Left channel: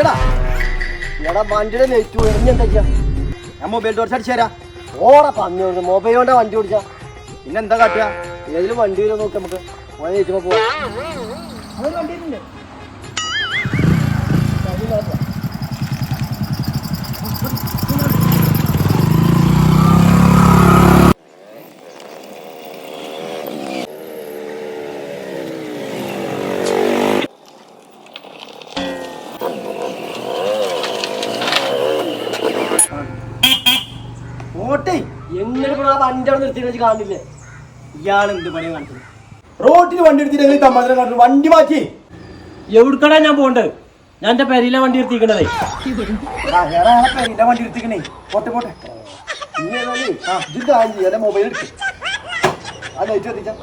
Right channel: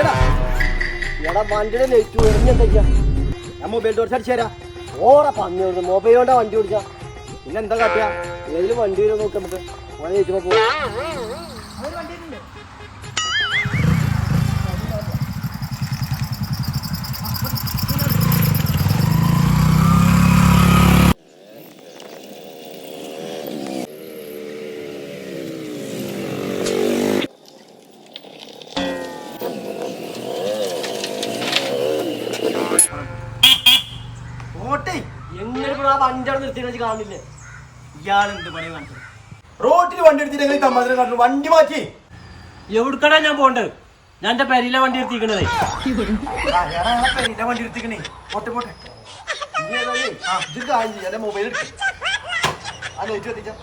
എടാ വണ്ടിയുടെ നെറ്റ് എറിഞ്ഞെന്താ ഞാൻ മൊബൈൽ ടോർച്ച് അടിച്ചു തരാം. ഓറെ പറഞ്ഞു മൊബൈൽ കൊണ്ടാ വണ്ടി ഓടിച്ചാ. പിന്നെ എന്താ കാട്ടുക? ഏതിലും വണ്ടി വരും നോക്കി നമുക്ക് എങ്ങനെ വണ്ടി അവിടെ നിർത്തി വെച്ച് കാണില്ലേ? ഇയാൾ എന്ത് പണിയെ കാണിച്ചത്? റോട്ടിൽ വണ്ടി എടുത്തിട്ട് തമ്മാതിരം കാണിച്ചു. വണ്ടി മാറ്റി എവിടുക്കടാ ഞാൻ പോകണ്ടത്? ഞാൻ എന്റെ പെരിയിലെ വണ്ടി എടുത്തിക്കണതേ. പെരിയിലെ വണ്ടി എടുത്തിക്കണേ. പോട്ടെ പോട്ടെ. മൊബൈൽ എടുക്കും. ആ ലൈറ്റ് എത്തിക്കാം.